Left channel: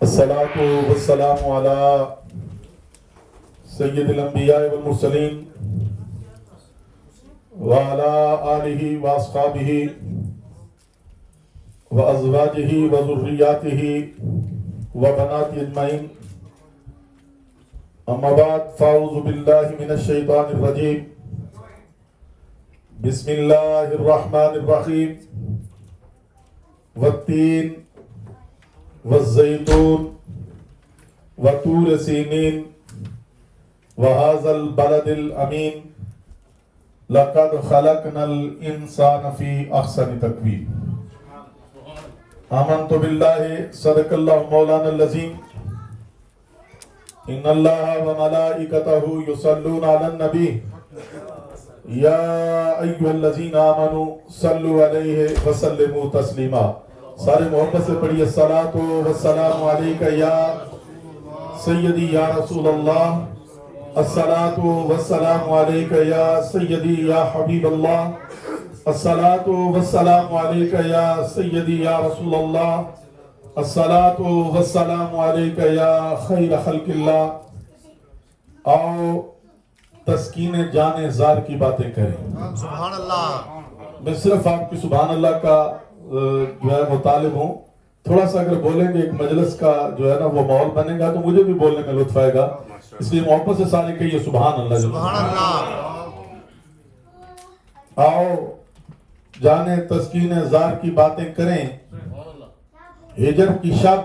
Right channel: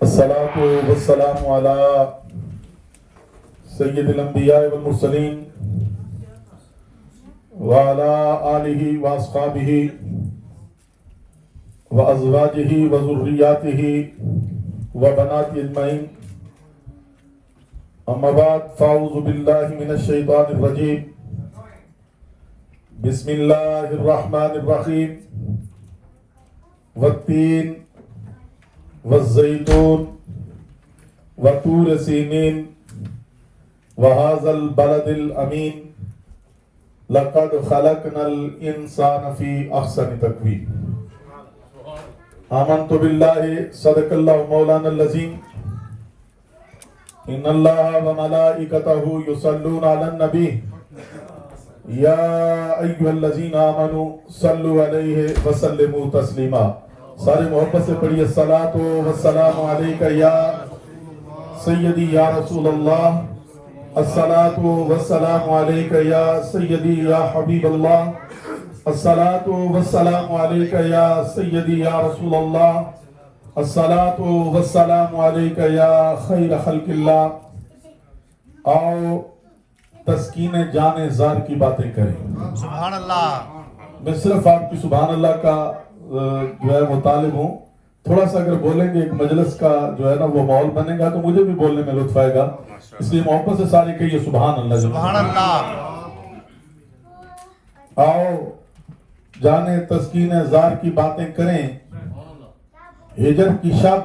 الصلاة والسلام على سید الانبیاء والمرسلین وعلى آلہ واصحابہ وازواجہ وذریاتہ وبنات اجمعین، اما بعد فاعوذ باللہ من الشیطان الرجیم، بسم اللہ الرحمن الرحیم، والتین والزیتون وطور سینین وهذا البلد الامین لقد خلقنا الانسان فی احسن تقویم۔ آمنت باللہ صدق اللہ مولانا العظیم، ان اللہ وملائکتہ یصلون علی النبی یا ایھا الذین آمنوا صلوا علیہ وسلموا تسلیما۔ سارے محبت سے پڑھیے الصلاۃ والسلام علیک یا سیدی یا رسول اللہ، الصلاۃ والسلام علیک یا سیدی یا حبیب اللہ، الصلاۃ والسلام علیک یا سیدی یا رسول اللہ، الصلاۃ والسلام علیک یا خیر خلق اللہ۔ آؤ تسکین جان زار کی باتیں کریں۔ سبحان اللہ۔ میں صرف آپ کی سبحان اللہ کا جو ہے مطالب ہوں، تھوڑا سا اگر بولیں گے ایک مجلس کا جو ہے نا وہ ماحول بنے گا تو مجھے بھی بولنے میں لطف آئے گا، اس لیے محبت سے سارے کہیے سبحان اللہ۔ سبحان اللہ۔ آؤ جانے تسکین زار کی باتیں کریں، ہجر کی شب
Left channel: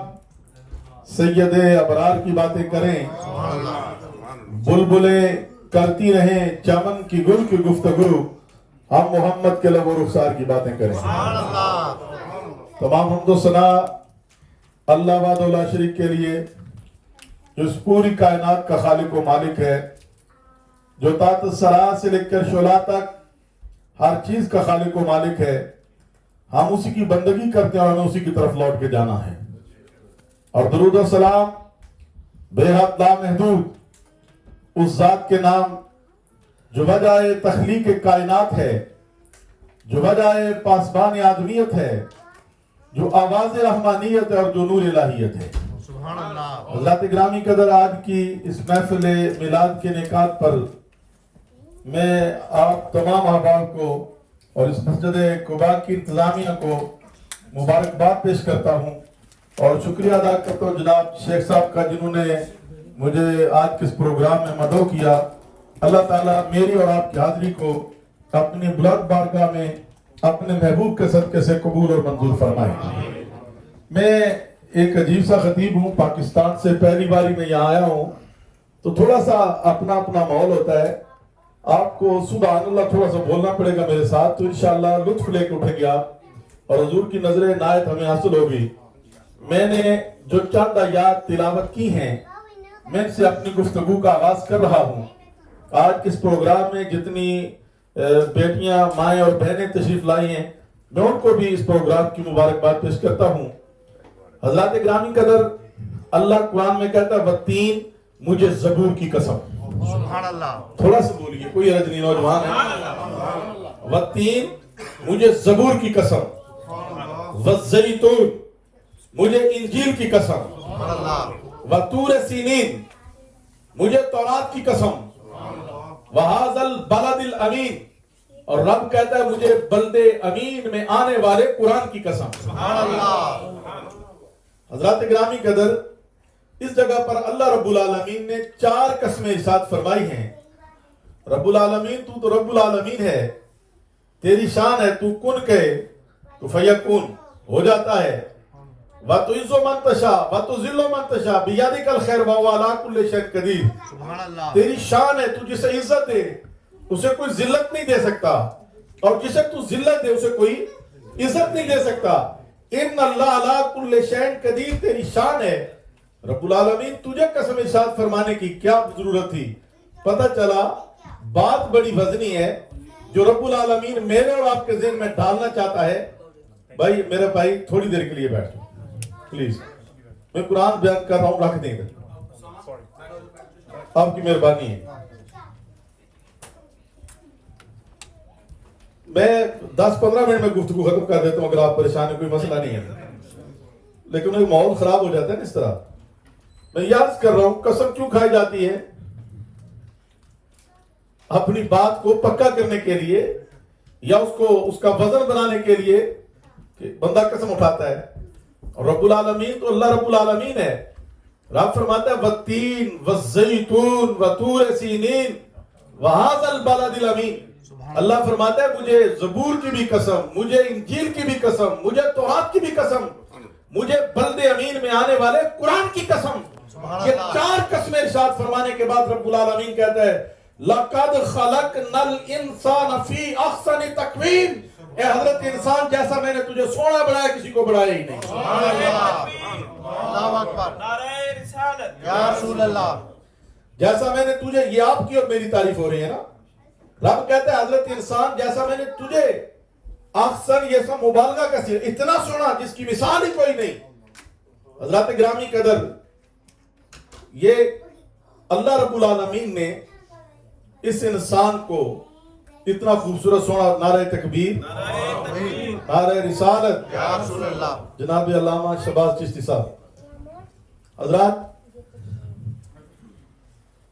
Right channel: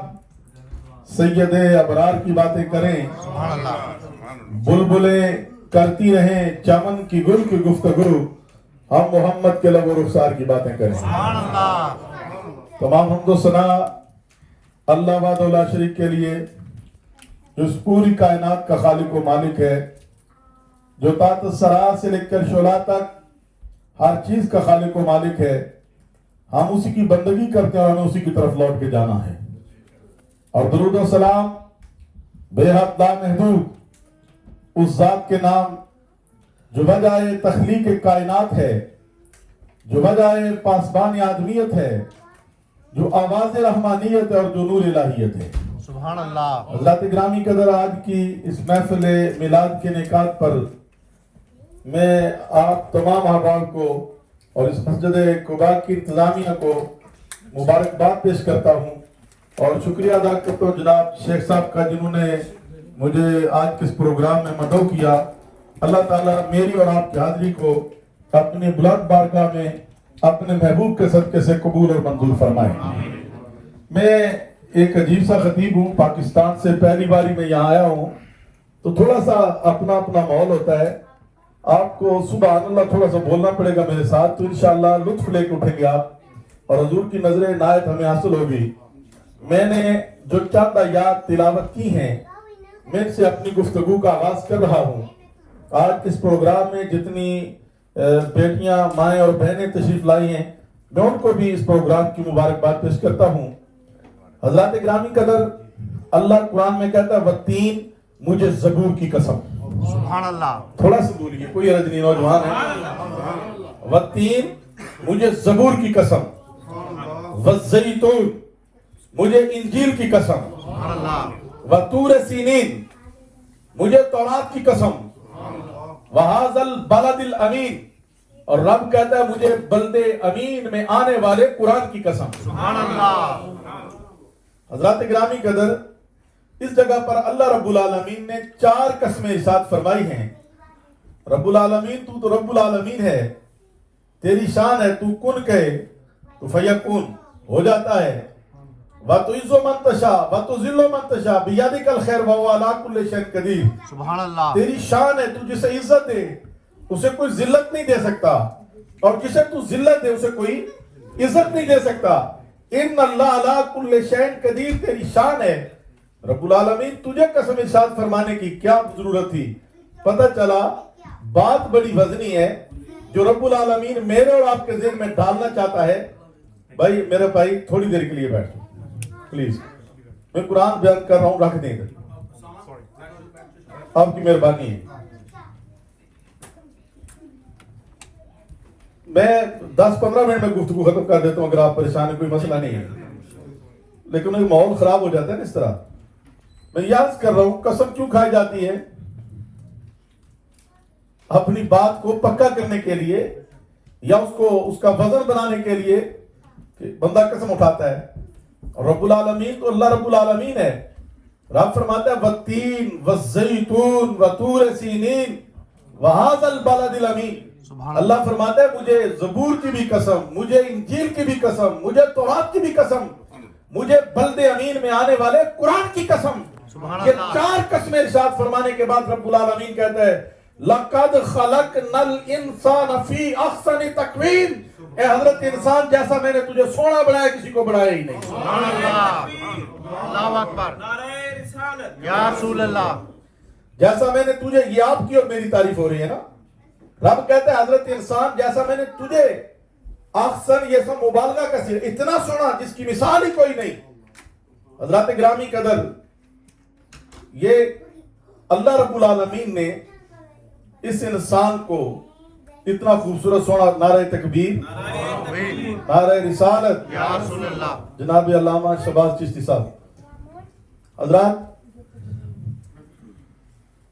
سید ابرار کی باتیں کریں، سبحان اللہ۔ بلبلیں کرتی رہیں چمن کی گل کی گفتگو، ہم محمد کے لب و رخسار کی باتیں کریں۔ سبحان اللہ۔ تمام حمد و ثنا اللہ وحدہ لا شریک کے لیے، جو اس پوری کائنات کا خالق و مالک ہے، جو تحت الثری سے لے کر شعلہ تک ہر چیز کا خالق و مالک ہے۔ ہم اسی کی بندگی کرتے ہیں اور ہمیں اسی کی طرف لوٹ کے جانا ہے۔ اور درود و سلام بے حد لامحدود اس ذات کے نام جو وجہ تخلیق کائنات ہے، جو وجہ پاسبان آدمیت ہے، جو آواز رحمانیت ہے اور جو نور الہیت ہے۔ سبحان اللہ۔ حضرات گرامی قدر، آج کی اس محفل میلاد کے انعقاد پر میں آپ تمام احباب کو اور اس مسجد قباء کی انتظامیہ کو مبارکباد پیش کرتا ہوں اور شکریہ ادا کرتا ہوں جناب شیخ صاحب کا، جنہوں نے مجھے آج کے اس پروگرام میں مدعو کیا۔ اللہ تعالیٰ میری اور آپ کی حاضری کو اپنی بلند بارگاہ میں اپنے محبوب کے صدقے سے قبول اور منظور فرمائے۔ میں ایک عجیب سا خطیب ہوں، پاکستان سے پہلی باری میں یہاں آیا ہوں، تو تھوڑا سا اپنا ماحول ہوتا ہے۔ آپ کو سبحان اللہ تھوڑا سا بولنا پڑے گا میرے ساتھ، تو انشاءاللہ لطف لے کے اٹھیں گے آپ اور حضور کی نظر عنایت ہمیں حاصل ہوگی۔ میں نے جو چند آیات تلاوت کی ہیں، میں ان سے اپنی گفتگو کا آغاز کر رہا ہوں۔ آج اس پروگرام میں جتنی بیٹیاں، مائیں اور بہنیں تشریف لائی ہیں، میں ان کو بھی اس پروگرام کی مبارکباد پیش کرتا ہوں۔ حضرات گرامی قدر، اللہ قرآن میں کہتا ہے والتین، مجھے زبور کی قسم۔ سبحان اللہ۔ تھوڑا سا بولیے، کوئی حرج نہیں، نوجوان ہے۔ والتین، مجھے زبور کی قسم، والزیتون، مجھے انجیل کی قسم، سبحان اللہ۔ وطور سینین، مجھے تورات کی قسم، وہذا البلد الامین، اور رب کہتا ہے مجھے بلد امین میں آنے والے قرآن کی قسم۔ سبحان اللہ۔ حضرات گرامی قدر، اس جگہ پر اللہ رب العالمین نے 4 قسمیں ارشاد فرمائی ہیں۔ رب العالمین، تو رب العالمین ہے، تیری شان ہے، تو کن کہے تو فیکون، ہو جاتا ہے۔ وَتُعِزُّ مَن تَشَاءُ وَتُذِلُّ مَن تَشَاءُ بِيَدِكَ الْخَيْرُ وَهُوَ عَلَى كُلِّ شَيْءٍ قَدِيرٌ۔ سبحان اللہ۔ تیری شان ہے، تو جسے عزت دے اسے کوئی ذلت نہیں دے سکتا، اور جسے تو ذلت دے اسے کوئی عزت نہیں دے سکتا۔ ان اللہ علی کل شیء قدیر، تیری شان ہے۔ رب العالمین، تجھے قسم ارشاد فرمانے کی کیا ضرورت تھی؟ پتہ چلا بات بڑی وزنی ہے جو رب العالمین میرے اور آپ کے ذہن میں ڈالنا چاہتا ہے۔ بھائی میرے بھائی تھوڑی دیر کے لیے بیٹھو پلیز، میں قرآن بیان کر رہا ہوں، رکھ دیں گے، آپ کی مہربانی ہے۔ میں 10-15 منٹ میں گفتگو ختم کر دیتا ہوں، اگر آپ پریشان ہیں کوئی مسئلہ نہیں ہے، لیکن ایک ماحول خراب ہو جاتا ہے نا اس طرح. میں یاد کر رہا ہوں قسم کیوں کھائی جاتی ہے؟ اپنی بات کو پکا کرنے کے لیے یا اس کا وزن بنانے کے لیے کہ بندہ قسم اٹھاتا ہے. اور رب العالمین تو اللہ رب العالمین ہے. رب فرماتا ہے والتین والزیتون وطور سینین وہذا البلد الامین. اللہ فرماتا ہے مجھے زبور کی بھی قسم, مجھے انجیل کی بھی قسم, مجھے تورات کی بھی قسم, مجھے بلد امین میں آنے والے قرآن کی قسم. یہ 4 قسمیں ارشاد فرمانے کے بعد رب العالمین کہتا ہے لَقَدْ خَلَقْنَا الْإِنسَانَ فِي أَحْسَنِ تَقْوِيمٍ. اے حضرت انسان جیسا میں نے تجھے سونا بنایا کسی کو بنایا ہی نہیں. سبحان اللہ. اللہ اکبر. یا رسول اللہ. جیسا میں نے تجھے, یہ آپ کی اور میری تعریف ہو رہی ہے نا. رب کہتا ہے حضرت انسان جیسا میں نے تجھے, احسن یہ سب مبالغہ کا صیغہ, اتنا سونا جس کی مثال ہی کوئی نہیں. حضرات گرامی قدر, یہ اللہ رب العالمین نے اس انسان کو اتنا خوبصورت سونا. نعرہ تکبیر, نعرہ رسالت. یا رسول اللہ. جناب علامہ شہباز چشتی صاحب. حضرات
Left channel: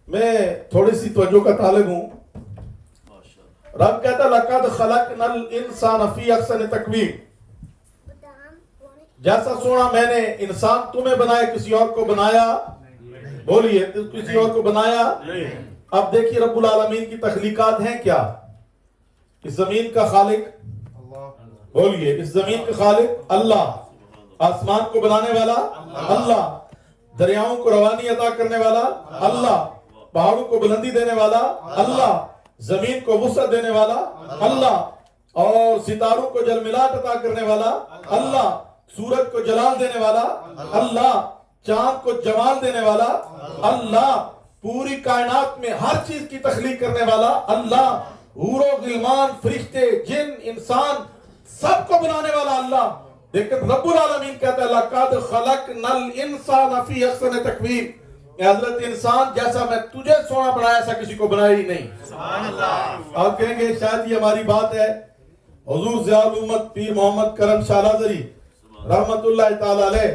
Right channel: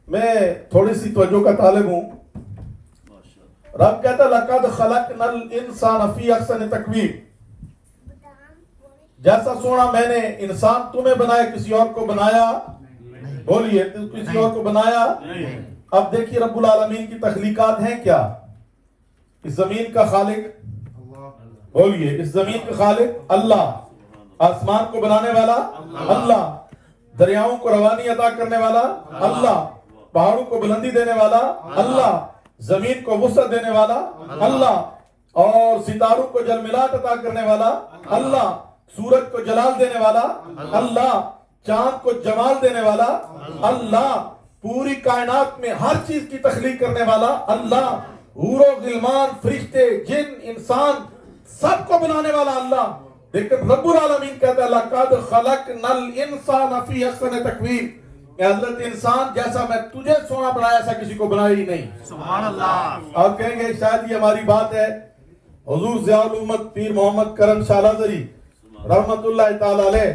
میں تھوڑی سی توجہ کا طالب ہوں. رب کہتا ہے لَقَدْ خَلَقْنَا الْإِنسَانَ فِي أَحْسَنِ تَقْوِيمٍ. جیسا سونا میں نے انسان تمہیں بنایا, کسی اور کو بنایا؟ بولیے, کسی اور کو بنایا؟ اب دیکھیے رب العالمین کی تخلیقات ہیں کیا. اس زمین کا خالق, بولیے, اس زمین کا خالق اللہ. آسمان کو بنانے والا اللہ. دریاؤں کو روانی عطا کرنے والا اللہ. پہاڑوں کو بلندی دینے والا اللہ. زمین کو وسعت دینے والا اللہ. اور ستاروں کو جلملات عطا کرنے والا اللہ. سورج کو جلال دینے والا اللہ. چاند کو جمال دینے والا اللہ. پوری کائنات میں ہر چیز کی تخلیق کرنے والا اللہ. حور و غلمان, فرشتے, جن, انسان, سب کو بنانے والا اللہ. لیکن رب العالمین کہتا ہے لَقَدْ خَلَقْنَا الْإِنسَانَ فِي أَحْسَنِ تَقْوِيمٍ. حضرت انسان جیسا میں تجھے سونا بنایا ایسا کسی کو بنایا ہی نہیں. سبحان اللہ. آپ کہیں گے شاید یہ ہماری بات ہے. حضور ضیاء الامت پیر محمد کرم شاہ لازری رحمت اللہ تعالی علیہ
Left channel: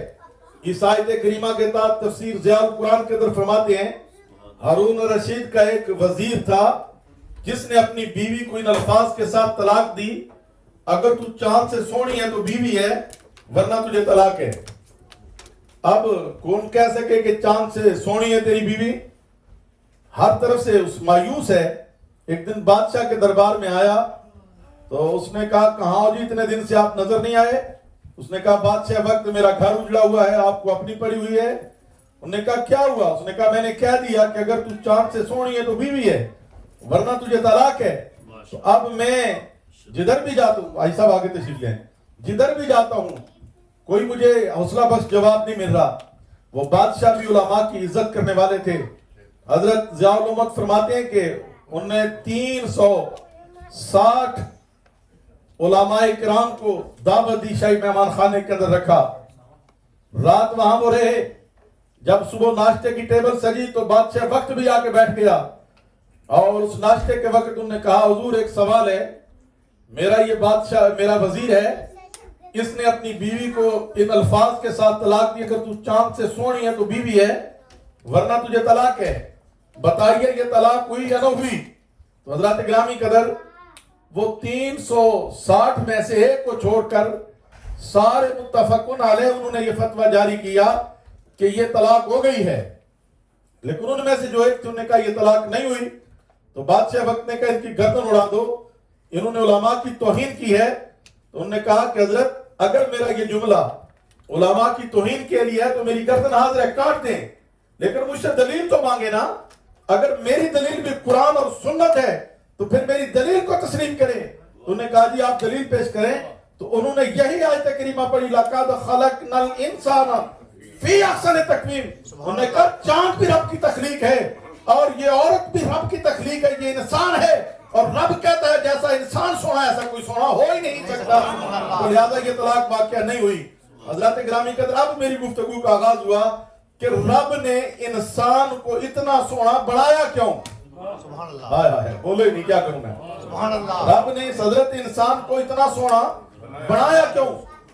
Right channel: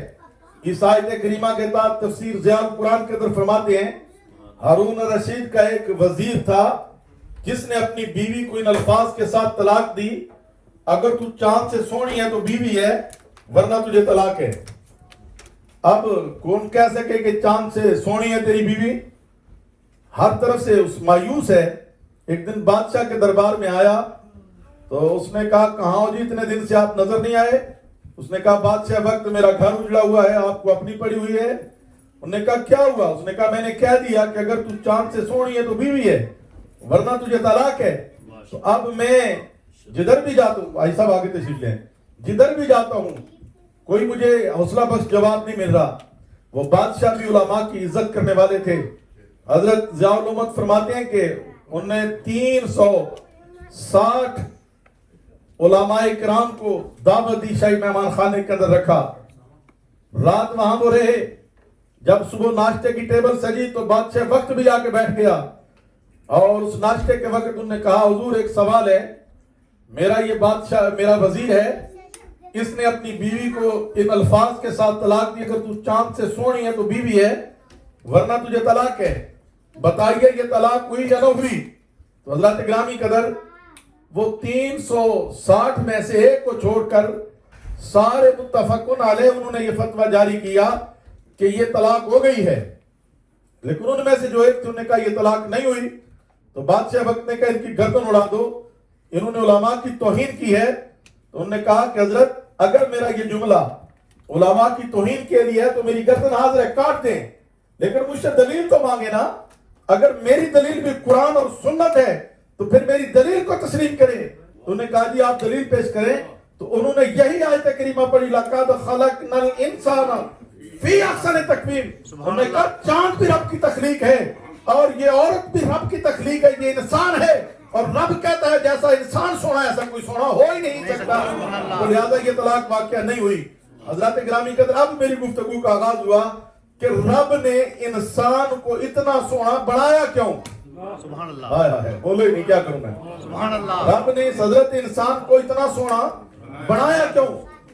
اس آیت کریمہ کے تحت تفسیر ضیاء القرآن کے اندر فرماتے ہیں ہارون رشید کا ایک وزیر تھا جس نے اپنی بیوی کو ان الفاظ کے ساتھ طلاق دی, اگر تو چاند سے سونی ہے تو بیوی ہے, ورنہ تجھے طلاق ہے. اب کون کہہ سکے کہ چاند سے سونی ہے تیری بیوی؟ ہر طرف سے اس مایوس ہے. ایک دن بادشاہ کے دربار میں آیا تو اس نے کہا کہاں ہو جی, اتنے دن سے آپ نظر نہیں آئے. اس نے کہا بادشاہ وقت میرا گھر اجڑا ہوا ہے, آپ کو اپنی پڑی ہوئی ہے. انہوں نے کہا کیا ہوا؟ اس نے کہا میں نے کہہ دیا کہ اگر تو چاند سے سونی ہے تو بیوی ہے, ورنہ تجھے طلاق ہے. تو اب میں جدھر بھی جاتا ہوں, بھائی صاحب آگے تشریف لیں, جدھر بھی جاتا ہوں کوئی مجھے حوصلہ بخش جواب نہیں مل رہا. وہ بادشاہ بھی علماء کی عزت کرنے والے تھے. حضرت ضیاء الامت فرماتے ہیں کہ انہوں نے 360 علماء کرام کو دعوت دی, شاہی مہمان خانے کے اندر رکھا. رات وہاں وہ رہے. جب صبح ناشتے کی ٹیبل سجی تو بادشاہ وقت بھی آ کے بیٹھ گیا, اور اس ناشتے کے وقت انہوں نے کہا حضور ایک سوال ہے, میرا یہ بادشاہ میرا وزیر ہے, اس نے اپنی بیوی کو ان الفاظ کے ساتھ طلاق دی اگر تو چاند سے سونی ہے تو بیوی ہے, ورنہ تجھے طلاق ہے, بتائیے یہ طلاق ہوئی یا نہ ہوئی؟ تو حضرات گرامی قدر وہ 360 میں سے ایک کو چھوڑ کر سارے متفقن علیہ انہوں نے یہ فتویٰ جاری کیا کہ یہ طلاق ہو گئی ہے. لیکن ان میں سے جو ایک تھے انہوں نے کہا یہ طلاق نہیں ہوئی. تو بادشاہ وقت نے کہا ان کی گردن اڑا دو, انہوں نے علماء کی توہین کی ہے. تو انہوں نے کہا کہ حضرت اگر میرا یہ جملہ علماء کی توہین کے لیے ہے تو میری گردن حاضر ہے, کاٹ دیں, لیکن مجھ سے دلیل تو مانگے نا. اگر میری دلیل بھی قرآن اور سنت ہے تو پھر میری دلیل کو تسلیم کریں. تو انہوں نے کہا جی آپ دلیل پیش کریں. تو انہوں نے یہی آیت کریمہ پڑھی لَقَدْ خَلَقْنَا الْإِنسَانَ فِي أَحْسَنِ تَقْوِيمٍ. انہوں نے کہا چاند بھی رب کی تخلیق ہے, اور یہ عورت بھی رب کی تخلیق ہے, یہ انسان ہے, اور رب کہتا ہے جیسا انسان سونا ایسا کوئی سونا ہو ہی نہیں سکتا. تو لہذا یہ طلاق واقعہ نہیں ہوئی. حضرات گرامی قدر اب میری گفتگو کا آغاز ہوا کہ رب نے انسان کو اتنا سونا بنایا کیوں؟ سبحان اللہ. ہائے ہائے بولے نہیں, کیا کروں میں. سبحان اللہ. رب نے اس حضرت انسان کو اتنا سونا بنایا کیوں؟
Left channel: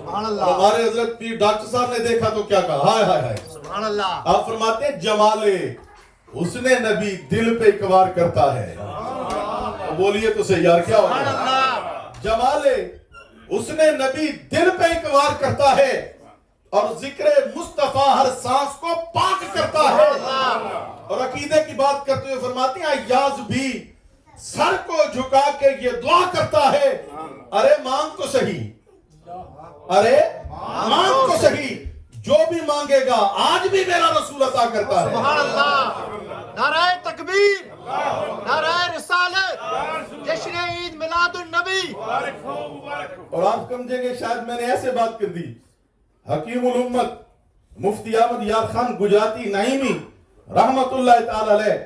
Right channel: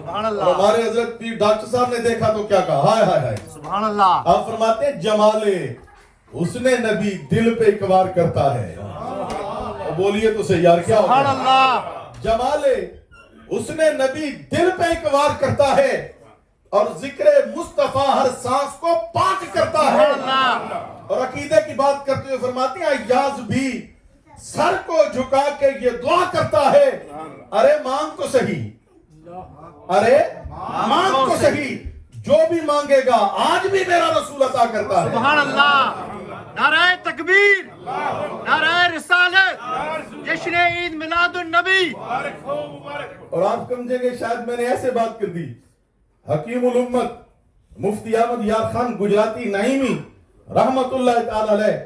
سبحان اور اللہ ہمارے حضرت پیر ڈاکٹر صاحب نے دیکھا تو کیا کہا، ہائے ہائے ہائے. سبحان اللہ آپ فرماتے ہیں جمالے اس نے نبی دل پہ اقبار کرتا ہے. بولیے تو صحیح یار، کیا سبحان ہوگا؟ اللہ جمالے اس نے نبی دل پہ اقبار کرتا ہے اور ذکر مصطفیٰ ہر سانس کو پاک کرتا ہے. اور عقیدے کی بات کرتے ہوئے فرماتے ہیں ایاز بھی سر کو جھکا کے یہ دعا کرتا ہے، ارے مانگ تو صحیح، ارے مانگ تو صحیح، جو بھی مانگے گا آج بھی میرا رسول عطا کرتا ہے. سبحان اللہ نعرہ تکبیر نعرہ رسالت جشن عید میلاد النبی اور آپ سمجھیں گے شاید میں نے ایسے بات کر دی. حکیم الامت مفتی احمد یار خان گجراتی نعیمی رحمت اللہ تعالی علیہ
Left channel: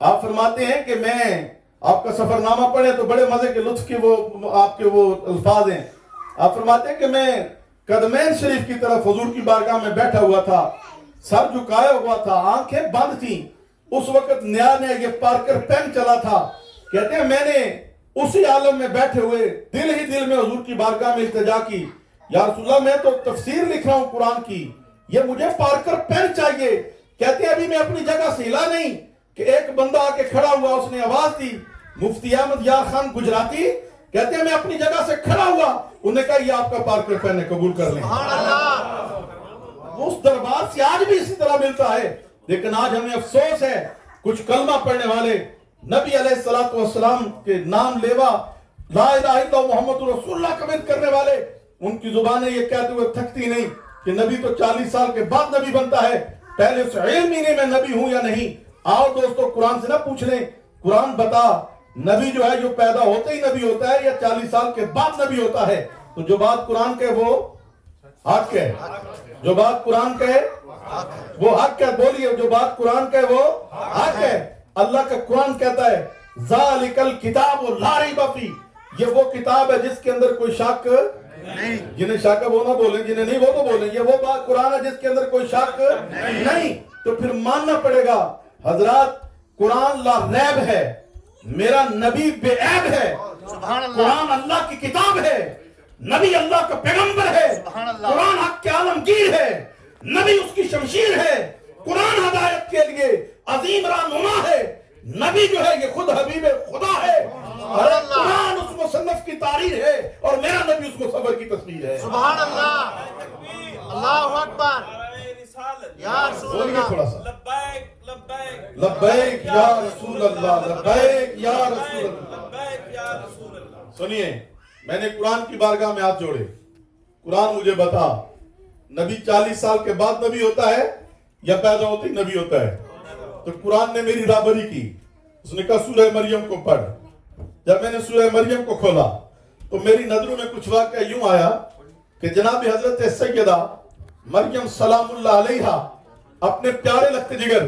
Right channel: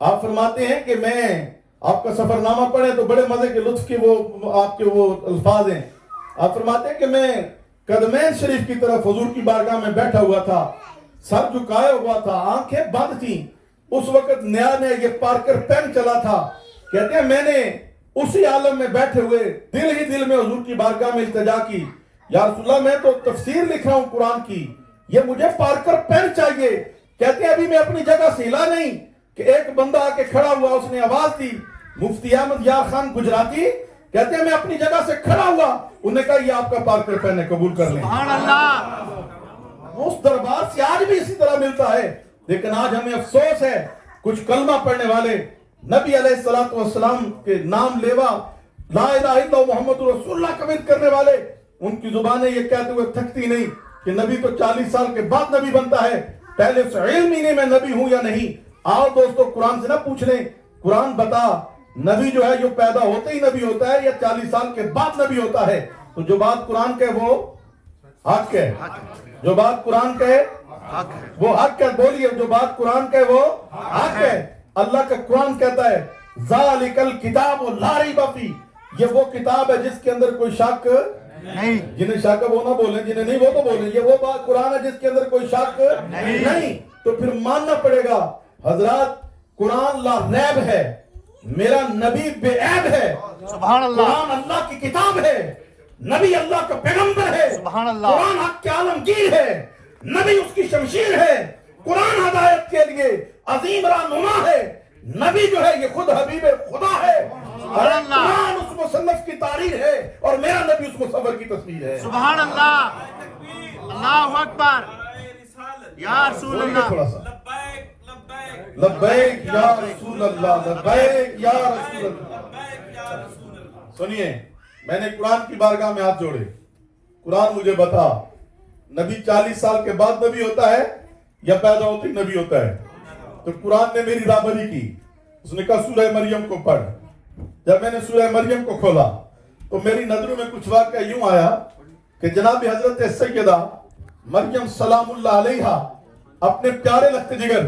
آپ فرماتے ہیں کہ میں آپ کا سفر نامہ پڑھے تو بڑے مزے کے لطف کے وہ آپ کے وہ الفاظ ہیں. آپ فرماتے ہیں کہ میں قدمین شریف کی طرف حضور کی بارگاہ میں بیٹھا ہوا تھا، سر جھکایا ہوا تھا، آنکھیں بند تھیں. اس وقت نیا یہ پارکر پین چلا تھا. کہتے ہیں میں نے اسی عالم میں بیٹھے ہوئے دل ہی دل میں حضور کی بارگاہ میں التجا کی، یا رسول اللہ میں تو تفسیر لکھ رہا ہوں قرآن کی، یہ مجھے پارکر پین چاہیے. کہتے ہیں ابھی میں اپنی جگہ سے ہلا نہیں کہ ایک بندہ آ کے کھڑا ہوا، اس نے آواز دی. مفتی احمد یار خان گجراتی کہتے ہیں میں اپنی جگہ سے کھڑا ہوا، انہوں نے کہا یہ آپ کا پارکر پین ہے، قبول کر لیں. سبحان اللہ اس دربار سے آج بھی اسی طرح ملتا ہے. لیکن آج ہمیں افسوس ہے کچھ کلمہ پڑھنے والے نبی علیہ السلام کے نام لیوا لا الہ الا اللہ محمد رسول اللہ کمنٹ کرنے والے، ان کی زبانیں یہ کہتے ہوئے تھکتی نہیں کہ نبی تو 40 سال کے بعد نبی بنتا ہے، پہلے سے علم ہی نہیں میں نبی ہوں یا نہیں. آؤ دوستو قرآن سے نہ پوچھ لیں، قرآن بتا نبی جو ہے جو پیدا ہوتے ہی نبی ہوتا ہے یا 40 سال کے بعد نبی ہوتا ہے. تو جو بات قرآن کے وہ حق ہے، جو بات قرآن کہے وہ حق ہے. بولیے جو بات قرآن کہے وہ حق ہے. اللہ کا قرآن کہتا ہے ذالک الکتاب لا ریب فیہ، یہ وہ کتاب ہے جس کے اندر کوئی شک نہیں. جنہیں شک ہے وہ نہ بولیں، جنہیں نہیں وہ تو بولیں. یہ وہ بات قرآن ہے جس کے اندر کوئی شک نہیں. تو پھر ماننا پڑے گا حضرات قرآن لا ریب ہے، میرا نبی بے عیب ہے. سبحان اللہ قرآن اللہ کی کتاب ہے، نبی اللہ کا پیغمبر ہے. سبحان اللہ قرآن حق کے عالمگیر ہے، نبی اس کی شمشیر ہے. قرآن ہدایت کے لیے عظیم رہنما ہے، نبی جو ہے یہ خود حبیب خدا ہے. ارے قرآن اس مصنف کی تحریر ہے اور میرا نبی اس مصور کی تصویر ہے. سبحان اللہ اللہ اکبر یا رسول بولیے اللہ. تھوڑا سا لبیک یا رسول اللہ، لبیک یا رسول اللہ. سنیے میں نے قرآن کی بارگاہ میں ہاتھ جوڑے، قرآن مجھے بتا نبی 40 سال کے بعد نبی ہوتا ہے یا پیدا ہوتے ہی نبی ہوتا ہے؟ تو قرآن نے میری رہبری کی، اس نے کہا سورہ مریم کو پڑھ. جب میں نے سورہ مریم کو کھولا تو میری نظروں میں کچھ واقعہ یوں آیا کہ جناب حضرت سیدہ مریم سلام اللہ علیہا اپنے پیارے لخت جگر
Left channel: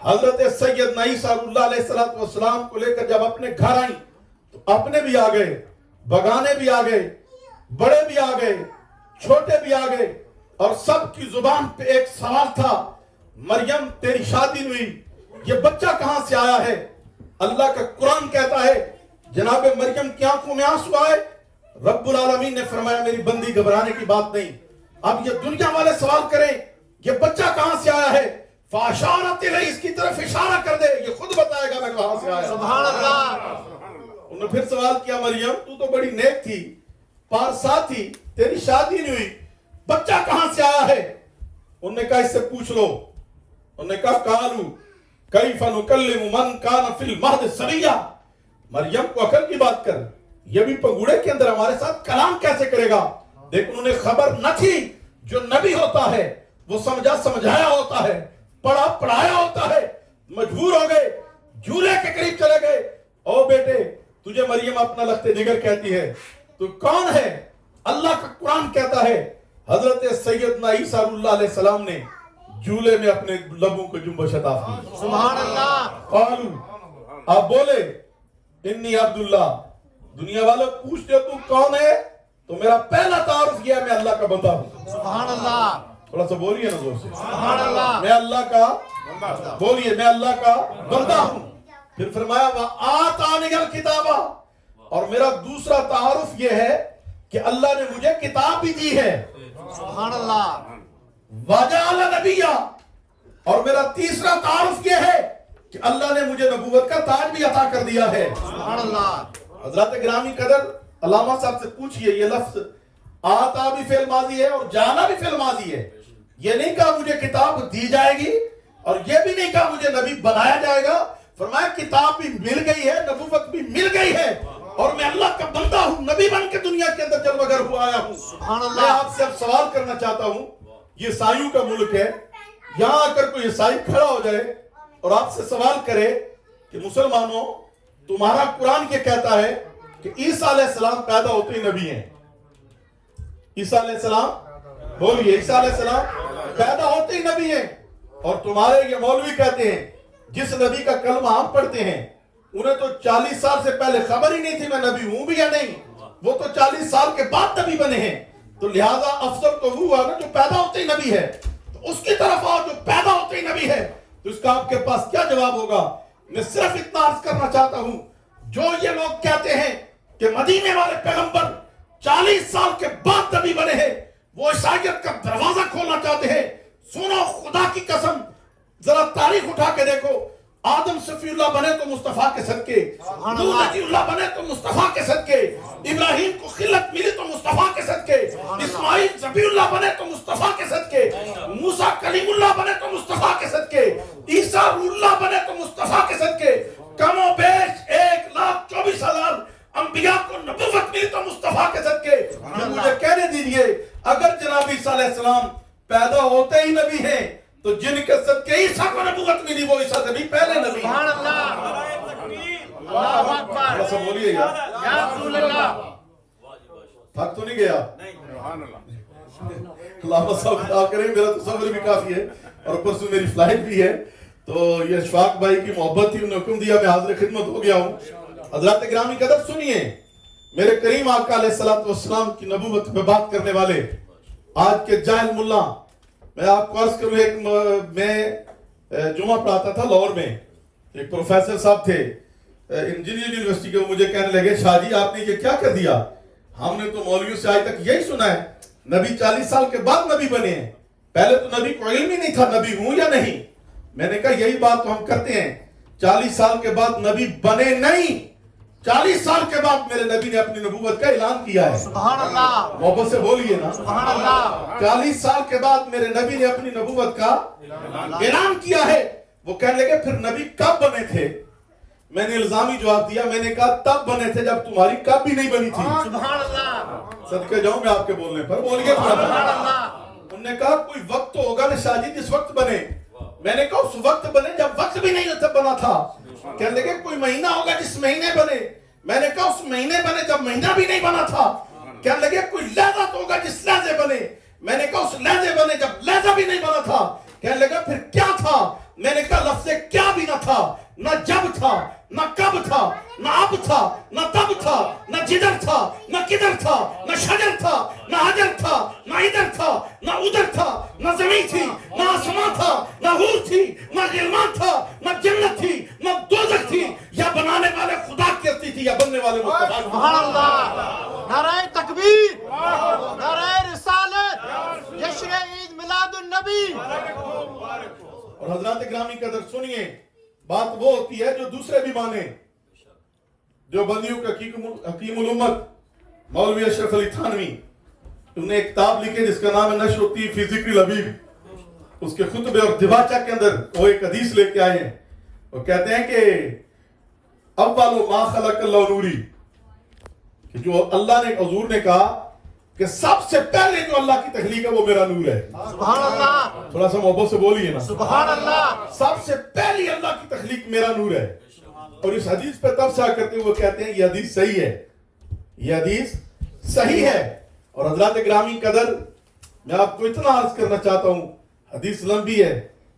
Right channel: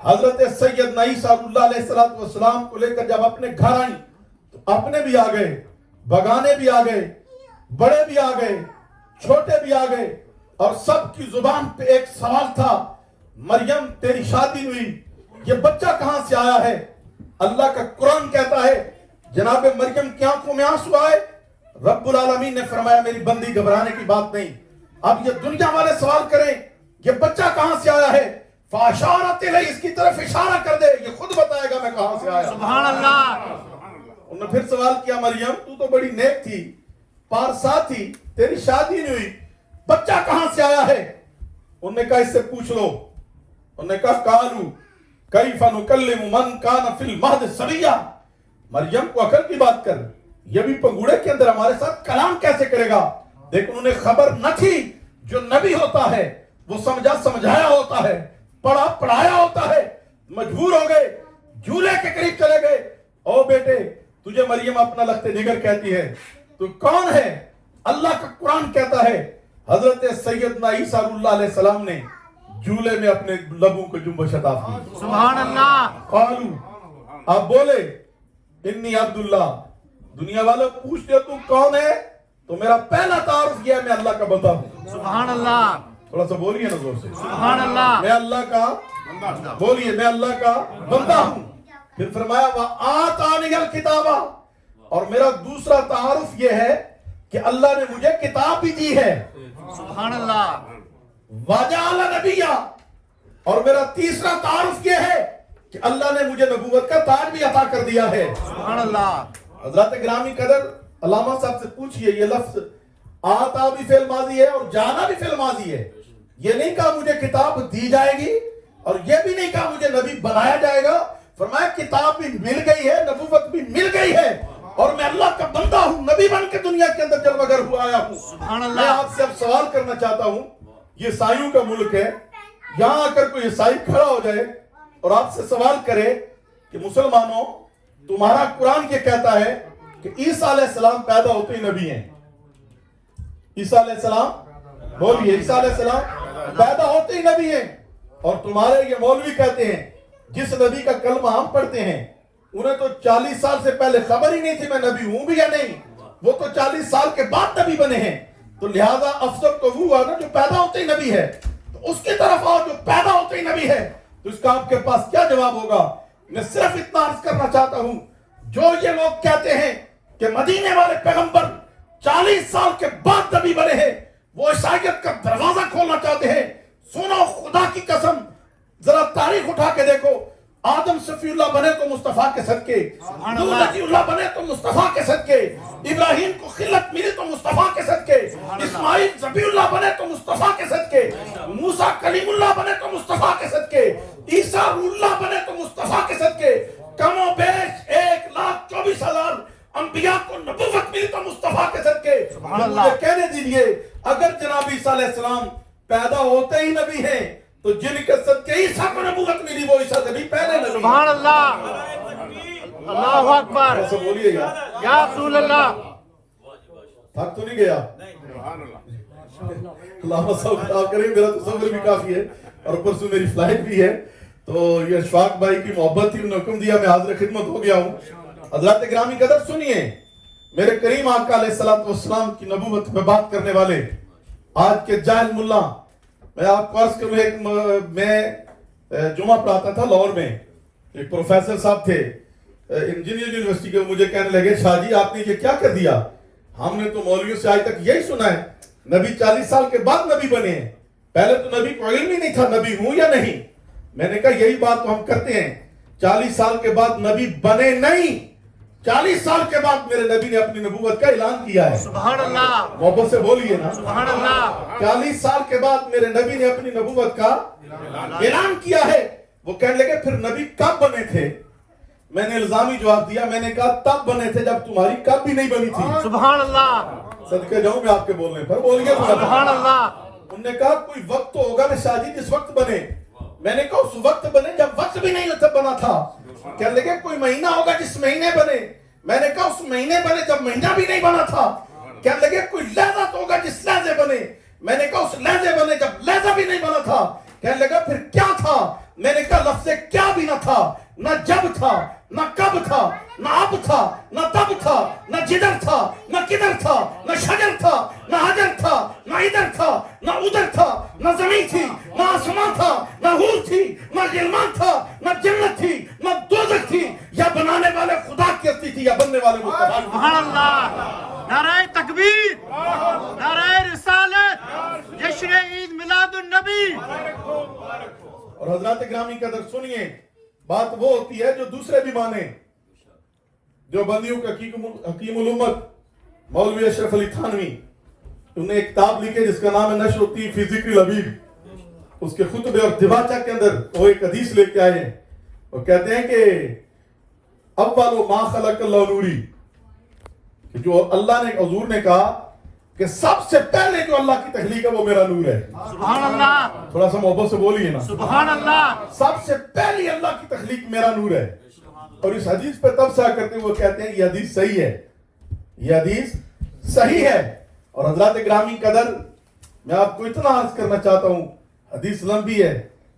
حضرت سیدنا عیسیٰ اللہ علیہ السلام کو لے کر جب اپنے گھر آئیں تو اپنے بھی آ گئے، بگانے بھی آ گئے، بڑے بھی آ گئے، چھوٹے بھی آ گئے، اور سب کی زبان پہ ایک سوال تھا، مریم تیری شادی ہوئی، یہ بچہ کہاں سے آیا ہے؟ اللہ کا قرآن کہتا ہے جناب مریم کی آنکھوں میں آنسو آئے. رب العالمین نے فرمایا میری بندی گھبرانے کی بات نہیں. اب یہ دنیا والے سوال کریں یہ بچہ کہاں سے آیا ہے، فاشارت الیہ، اس کی طرف اشارہ کر دے، یہ خود بتائے گا میں کہاں سے آیا. سبحان اللہ. انہوں نے پھر سوال کیا مریم تو تو بڑی نیک تھی، پارسا تھی، تیری شادی نہیں ہوئی، بچہ کہاں سے آیا ہے؟ انہوں نے کہا اس سے پوچھ لو. انہوں نے کہا قالوا کیف نکلم من کان فی المہد صبیا، مریم کو عقل کی بات کر، یہ بھی پنگوڑے کے اندر ہمارے ساتھ کلام کیسے کرے گا؟ لیکن انہوں نے خبر نہ تھی جو نبی ہوتا ہے وہ سمجھا سمجھایا ہوتا ہے، پڑھا پڑھایا ہوتا ہے. مجبور ہو گئے، جھولے کے قریب چلے گئے. او بیٹے تجھے مریم اپنا لخت جگر کہتی ہے، تو کون ہے؟ اللہ کا قرآن کہتا ہے حضرت سیدنا عیسیٰ اللہ علیہ السلام نے جھولے میں اپنے لبوں کو جنبش عطا کی. سبحان اللہ. قالو، آپ بولے انی عبداللہ. دنیا والوں پوچھتے تو کون ہے؟ تو میرا پہلا تعارف یہ ہے میں اللہ کا بندہ ہوں. سبحان اللہ. تھوڑا سا بولیے نا زور سے، سبحان اللہ. میں اللہ کا، بولیے میں اللہ کا بندہ ہوں. پھر فرمایا وَآتَانِيَ الْكِتَابَ، اور میرا دوسرا تعارف یہ ہے کہ اللہ نے مجھے کتاب بھی دی ہے، سبحان اللہ، وَجَعَلَ نَبِيًّا، اور میرا تیسرا تعارف یہ ہے کہ اللہ نے مجھے نبوت کا تاج بھی عطا کر دیا ہے۔ سبحان اللہ، حضرات گرامی قدر، علامہ صاحب سے پوچھئے، یہ لفظ آتا بھی فعل ماضی ہے اور جانا بھی فعل ماضی ہے۔ یہ نہیں کہا مجھے کتاب دی جائے گی، اور یہ بھی نہیں کہا مجھے نبی بنایا جائے گا۔ فرمایا کتاب بھی مل گئی ہے، نبوت بھی مل گئی ہے، اور میں اللہ کا بندہ ہوں، نبی بن کے دنیا کے اندر جلوہ گر ہوا آیا ہوں۔ سبحان اللہ۔ میں آپ سے اب سوال کرنا چاہتا ہوں، یہ عیسائیوں کا ملک ہے، یہاں آ کر کوئی عیسائی کھڑا ہو جائے اور آپ سے سوال کرے کہ مسلمانوں، تمہارا قرآن یہ کہتا ہے کہ عیسیٰ علیہ السلام پیدا ہوتے ہی نبی ہیں۔ عیسیٰ علیہ السلام، بولیے، عیسیٰ علیہ السلام پیدا ہوتے ہی نبی ہیں، اور تمہارے یہ مولوی کہتے ہیں جس نبی کا کلمہ ہم پڑھتے ہیں انہیں تو 40 سال سے پہلے خبر ہی نہیں تھی میں نبی ہوں بھی یا نہیں، وہ تو 40 سال کے بعد نبی بنے ہیں، تو لہٰذا افضل تو وہ ہے نا جو پیدا ہوتے ہی نبی ہے، تو اس کی طرف آؤ جو پیدا ہوتے ہی نبی ہے۔ تو اس کا آپ کے پاس کیا جواب ہوگا؟ میں صرف اتنا عرض کرنا چاہتا ہوں، جو یہ لوگ کہتے ہیں کہ مدینے والے پیغمبر 40 سال کے بعد نبی بنے ہیں، وہ عیسائیت کا دروازہ کھولنا چاہتے ہیں۔ سنو، خدا کی قسم، ذرا تاریخ اٹھا کے دیکھو، آدم صفی اللہ بنے تو مصطفیٰ کے صدقے، نوح نبی اللہ بنے تو مصطفیٰ کے صدقے، ابراہیم کو خلت ملی تو مصطفیٰ کے صدقے، اسماعیل ذبیح اللہ بنے تو مصطفیٰ کے صدقے، موسیٰ کلیم اللہ بنے تو مصطفیٰ کے صدقے، عیسیٰ روح اللہ بنے تو مصطفیٰ کے صدقے، کم و بیش 1,24,000 انبیاء کو نبوت ملی تو مصطفیٰ کے صدقے۔ مجھے کہنے دیجئے، اگر جناب عیسیٰ علیہ السلام پیدا ہوتے ہی نبی ہیں تو جن کے صدقے عیسیٰ کو نبوت ملی وہ عیسیٰ سے بھی پہلے نبی ہیں۔ سبحان اللہ، اللہ اکبر، تھوڑا سا بولیے یار، یا رسول اللہ۔ تھک تو نہیں گیا؟ علامہ صاحب خطاب کریں، میرا تصور بھی کافی ہے اور پرسوں میری فلائٹ بھی ہے، تو یہ اشفاق بھائی کی محبت تھی، انہوں نے حکم دیا، میں حاضر خدمت ہو گیا ہوں۔ حضرات گرامی قدر سنیے، میرے کریم آقا علیہ السلام کی نبوت میں بات کرنے والے آج کے جاہل ملا، میں آپ کو عرض کروں، ایک میں جمعہ پڑھاتا تھا لاہور میں، ایک پروفیسر صاحب تھے انجینئر یونیورسٹی کے، وہ مجھے کہنے لگے شاہ جی آپ نے یہ کیا کر دیا، ہم نے تو مولویوں سے آج تک یہی سنا ہے نبی 40 سال کے بعد نبی بنے ہیں، پہلے تو نبی کو علم ہی نہیں تھا نبی ہوں یا نہیں۔ میں نے کہا یہی بات تو ہم کرتے ہیں، 40 سال کے بعد نبی بنے نہیں، 40 سال کے بعد میرے نبی نے اپنی نبوت کا اعلان کیا ہے۔ سبحان اللہ، محبت سے بولیے نا، سبحان اللہ، 40 سال کے بعد میرے نبی نے اپنی نبوت کا اعلان کیا ہے۔ وہ کہنے لگے پھر نبی کب بنے تھے؟ میں نے الزامی جواب دیا، میں نے کہا تب بنے تھے جب تمہاری کب بھی نہیں بنی تھی۔ سبحان اللہ، صدقے جاؤں گا آپ کے بولنے پر، بولیے تھوڑا سبحان سا۔ اللہ، انہوں نے کہا کوئی وقت تو ہوگا نا شاہ جی جس وقت بنے، میں نے کہا اس وقت بنے جب وقت بھی نہیں بنا تھا۔ کہنے لگے کوئی مہینہ ہوگا جس مہینے بنے، میں نے کہا اس مہینے بنے جب مہینہ بھی نہیں بنا تھا۔ کہنے لگے کوئی لہجہ تو ہوگا جس لہجے بنے، میں نے کہا اس لہجے بنے جب لہجہ بھی نہیں بنا تھا۔ کہنے لگا پھر کیا تھا؟ میں نے کہا لفظ کیا بھی نہ تھا، نہ جب تھا، نہ کب تھا، نہ اب تھا، نہ تب تھا، نہ جدھر تھا، نہ کدھر تھا، نہ شجر تھا، نہ حجر تھا، نہ ادھر تھا، نہ ادھر تھا، نہ زمین تھی، نہ آسمان تھا، نہ حور تھی، نہ غلمان تھا، نہ جنت تھی، نہ دوزخ تھی، یا بنانے والے خدا کی ہستی تھی یا بننے والے مصطفیٰ کی۔ سبحان اللہ، نعرہ تکبیر، نعرہ رسالت، جشن عید میلاد النبی۔ اور حضرات گرامی قدر سنیے، بات وہ ہوتی ہے جو دوسرے بھی مانے، جو بندیوں کا حکیم الامت مولوی اشرف علی تھانوی، انہوں نے ایک کتاب لکھی جس کا نام ہے نشر الطیب فی ذکر الحبیب، اس کے خطبے اور دباچہ کے اندر وہ ایک حدیث لے کے آئے ہیں، وہ کہتے ہیں کہ اول ما خلق اللہ نوری، کہ جو اللہ نے حضور نے کہا کہ سب سے پہلے جو اللہ کی تخلیق ہے وہ میرا نور ہے۔ سبحان اللہ، تھوڑا سا محبت سے بولیے نا، سبحان اللہ، سب سے پہلی اللہ کی تخلیق میرا نور ہے۔ اور اس حدیث پہ تبصرہ کرتے ہوئے کہتے ہیں یہ حدیث صحیح ہے، یہ حدیث صحیح ہے۔ اور حضرات گرامی قدر، میں آپ کو اتنا عرض کرنا چاہتا ہوں، حدیث لمبی ہے۔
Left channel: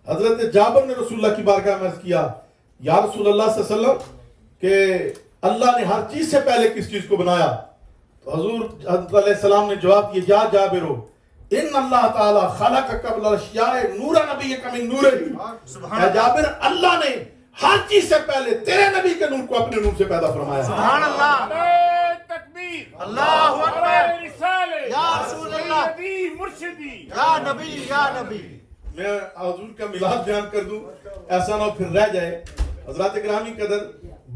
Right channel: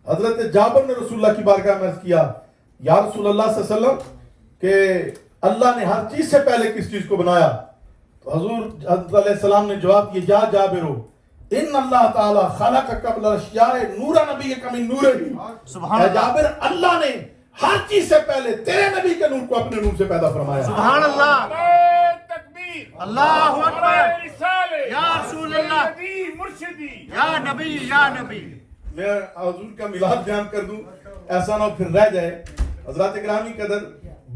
حضرت جابر نے رسول اللہ کی بارگاہ میں عرض کیا، یا رسول اللہ صلی اللہ علیہ وسلم کہ اللہ نے ہر چیز سے پہلے کس چیز کو بنایا؟ تو حضور حضرت علیہ السلام نے جواب دیا، جا جابرو ان اللہ تعالی خلق قبل الاشیاء نور نبیک من نورہ۔ اے جابر، اللہ نے ہر چیز سے پہلے تیرے نبی کے نور کو اپنے نور سے پیدا فرمایا۔ سبحان اللہ، نعرہ تکبیر، اللہ اکبر رسالت یا رسول اللہ نبی مرشدی یا نبی یا نبی. میں حضور کا میلاد بیان کر دوں، ایسا نہ ہو پھر رہ جائے. حضرات گرامی قدر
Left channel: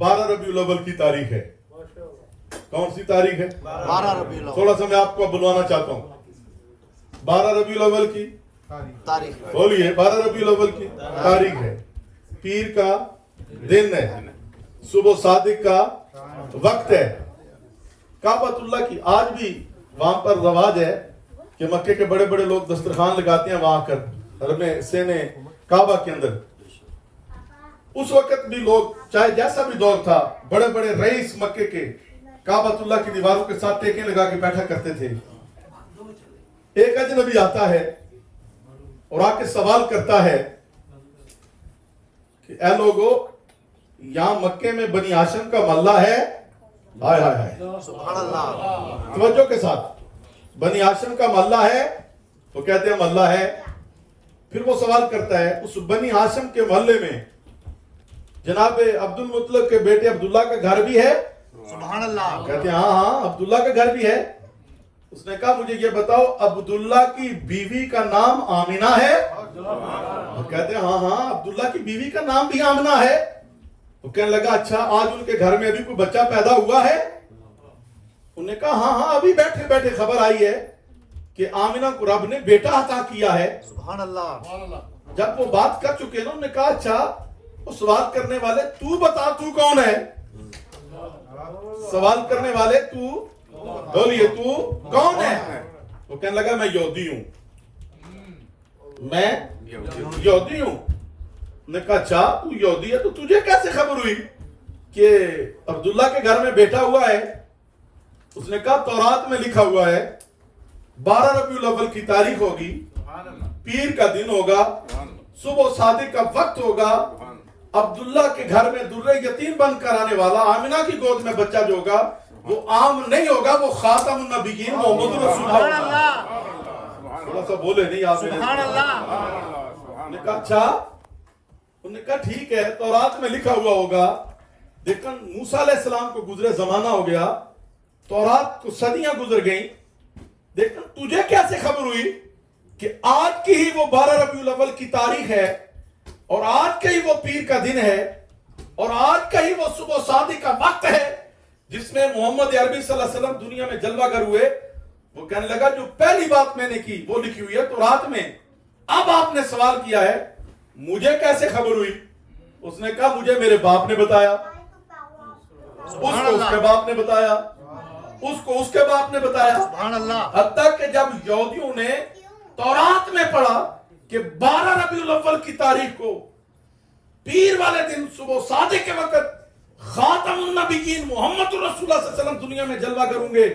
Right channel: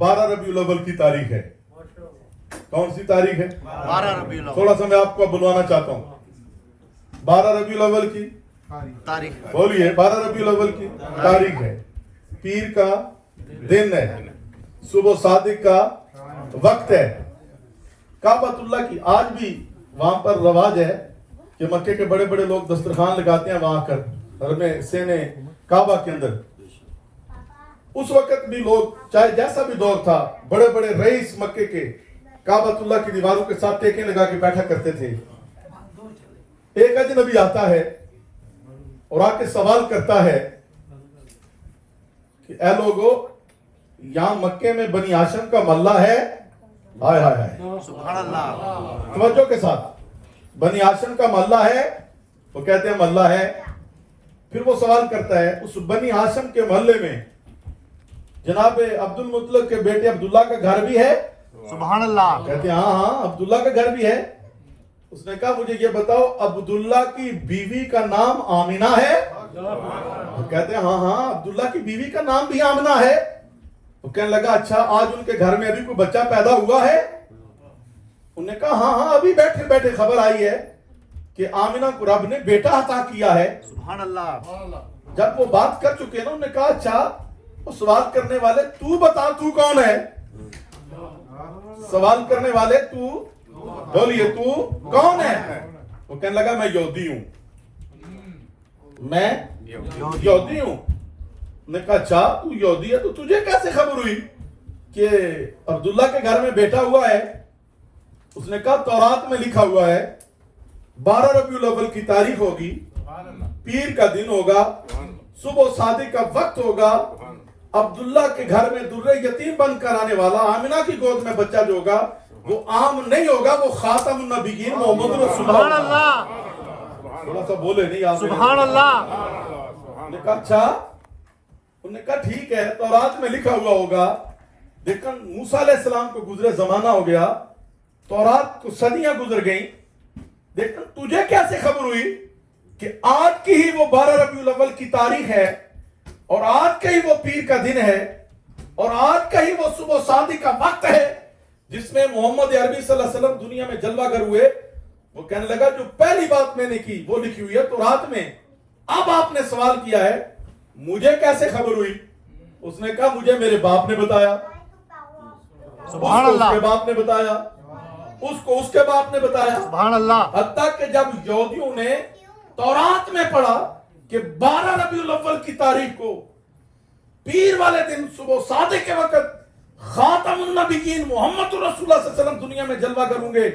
12 ربیع الاول کی تاریخ ہے. کون سی تاریخ ہے؟ 12 ربیع الاول تھوڑا سا میں آپ کو بلوانا چاہتا ہوں. 12 ربیع الاول کی تاریخ. بولیے. 12 ربیع الاول کی تاریخ ہے، پیر کا دن ہے، صبح صادق کا وقت ہے. کعبۃ اللہ کی آج بھی وہاں پر رواج ہے کہ مکے کے بڑے بڑے لوگ دسترخوان لگاتے ہیں وہاں کر حرم سین کعبہ کے اندر. اس وقت بھی لوگ چاہے جیسا بھی دور تھا، بڑے بڑے رئیس مکے کے کعبۃ اللہ کی دیواروں کے ساتھ ٹیکیں لگا کے بیٹھا کرتے تھے. ایک اجنبی آتا ہے اور آ کے سوال کرتا ہے کہ اے لوگو، یہاں مکے میں بنی ہاشم کا محلہ ہے؟ ہائے ہائے ہائے، سبحان اللہ. توجہ کے ساتھ. بنی ہاشم کا محلہ ہے؟ وہ کہتے ہیں محلہ ہے. پھر وہ سوال کرتا ہے اس بنی ہاشم کے محلے میں جناب عبد المطلب کے بیٹے عبداللہ کا گھر بھی ہے؟ سبحان اللہ. کہتے ہیں ہاں ہاں عبداللہ کا گھر بھی ہے. اس نے کہا مجھے یہ بتاؤ عبداللہ کی بیوی کا نام آمنہ ہے؟ وہ کہتے ہیں ہاں ہاں عبداللہ کی بیوی کا نام بھی آمنہ ہے. تو کہنے لگا اچھا آج ان کے گھر میں ابھی کوئی بچہ پیدا ہوا ہے؟ انہوں نے کہا ہاں ہاں ابھی بیٹھے بیٹھے خبر آئی ہے کہ آمنہ کو رب نے بیٹا عطا کیا ہے. سبحان اللہ. جب وہ بات کر چکے نا، انہوں نے کہا اچھا وہ سوال کرنے والے تو بتا تو کون ہے؟ سوال کرنے والے تو بولیے تو کون ہے؟ وہ کہنے لگا میں یہودی ہوں. میں یہودی ہوں. نے کہا اچھا تو یہودی ہے تو تجھے کیسے خبر ہوئی کہ عبداللہ کے گھر میں بیٹا ہوا ہے؟ اس نے کہا تورات میں لکھا ہوا ہے 12 ربیع الاول کی تاریخ ہوگی، پیر کا دن ہوگا، صبح صادق کا وقت ہوگا، عبداللہ کے گھر میں درہ یتیم بن کر آنے والا آمنہ کی گود میں بچہ جو ہوگا وہ عام نہیں ہوگا، وہ خاتم النبیین محمد رسول سبحان اللہ. اللہ. تھوڑا سا بولے نہیں آپ نے. سبحان اللہ. انہوں نے کہا اچھا. انہوں نے کہا ٹھیک ہے تورات میں لکھا ہوا ہوگا، لیکن موسیٰ علیہ السلام کو گزرے زمانہ ہو گیا، تورات کو صدیاں گزر گئیں، لیکن تجھے کیسے خبر ہوئی کہ آج کی ہی وہ 12 ربیع الاول کی تاریخ ہے اور آج کا ہی وہ پیر کا دن ہے اور آج کا ہی وہ صبح صادق کا وقت ہے جس میں محمد عربی صلی اللہ علیہ وسلم دنیا میں جلوہ گر ہوئے؟ وہ کہنے لگا جو پہلی بات میں نے کی وہ لکھی ہوئی ہے تورات میں. اب آپ نے سوال کیا ہے مجھے کیسے خبر ہوئی؟ اس نے کہا مجھے میرے باپ نے بتایا، اس کو اس کے باپ نے بتایا، اس کو اس کے باپ نے بتایا. سبحان اللہ. حتیٰ کہ جب یہودیوں نے تورات میں پڑھا کہ 12 ربیع الاول کی تاریخ کو پیر والے دن صبح صادق کے وقت خاتم النبیین محمد رسول اللہ صلی اللہ علیہ وسلم دنیا میں جلوہ گر ہوں گے،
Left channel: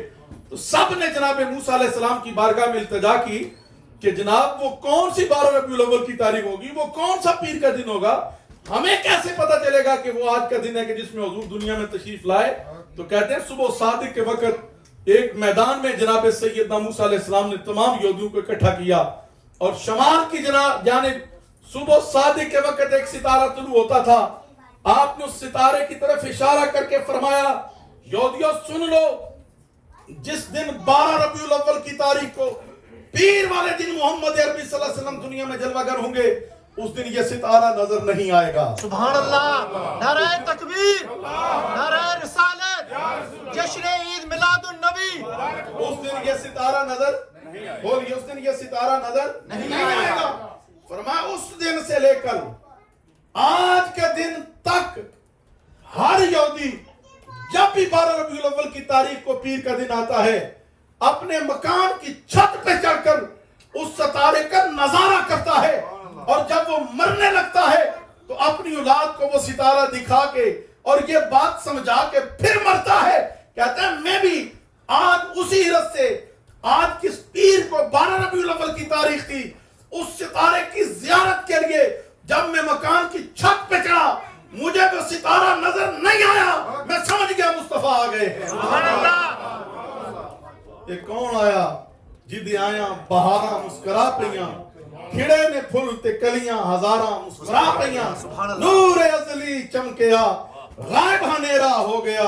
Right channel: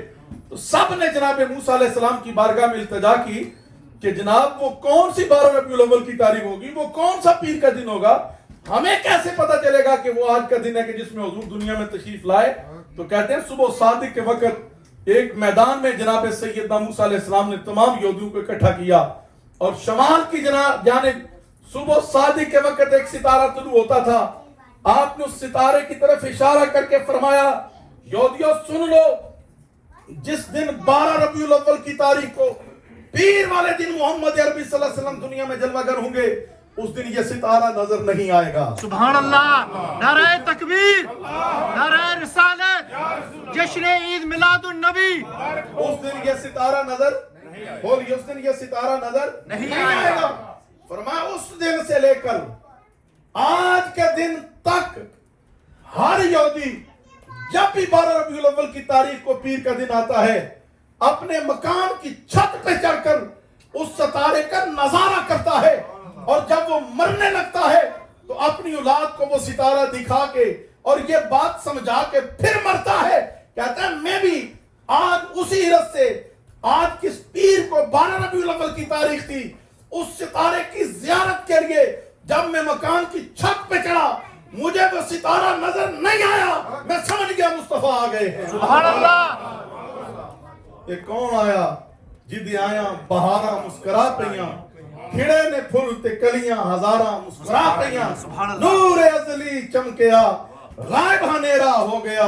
تو سب نے جناب موسیٰ علیہ السلام کی بارگاہ میں التجا کی کہ جناب وہ کون سی 12 ربیع الاول کی تاریخ ہوگی، وہ کون سا پیر کا دن ہوگا، ہمیں کیسے پتا چلے گا کہ وہ آج کا دن ہے کہ جس میں حضور دنیا میں تشریف لائے؟ تو کہتے ہیں صبح صادق کے وقت ایک میدان میں جناب سیدنا موسیٰ علیہ السلام نے تمام یہودیوں کو اکٹھا کیا اور شمال کی جانب صبح صادق کے وقت ایک ستارہ طلوع ہوتا تھا. آپ نے اس ستارے کی طرف اشارہ کر کے فرمایا یہودیوں سن لو، جس دن 12 ربیع الاول کی تاریخ کو پیر والے دن محمد عربی صلی اللہ علیہ وسلم دنیا میں جلوہ گر ہوں گے، اس دن یہ ستارہ نظر نہیں آئے گا. سبحان اللہ. نعرہ تکبیر، نعرہ رسالت، جشن عید میلاد النبی. اس دن یہ ستارہ نظر بولیے، اس دن یہ ستارہ نظر نہیں آئے گا. فرمایا اس دن سے لے کر آج کے دن تک ہر یہودی جب بھی 12 ربیع الاول کی تاریخ کو پیر کا دن آتا ہے اپنے مکان کی چھت پہ چڑھ کر اس ستارے کا نظارہ کرتا ہے، اور جب وہ مرنے لگتا ہے تو اپنی اولاد کو وہ ستارہ دکھا کے اور یہ بات سمجھا کے پھر مرتا ہے. کہتا ہے میں بھی آج اسی رت سے آج کس پیر کو 12 ربیع الاول کی تاریخ تھی اس ستارے کی زیارت کے لیے جب میں مکان کی چھت پہ چڑھا مجھے وہ ستارہ نظر نہیں آیا، میں سمجھ گیا مصطفیٰ آ گئے ہیں. سبحان اللہ. یہ کون آیا جدی آیا بہاراں مسکرا پئیاں، کھڑے نے پھل تے کلیاں ہزاراں مسکرا پئیاں، نور ازلی چمکیا غائب ہنیرا ہو گیا،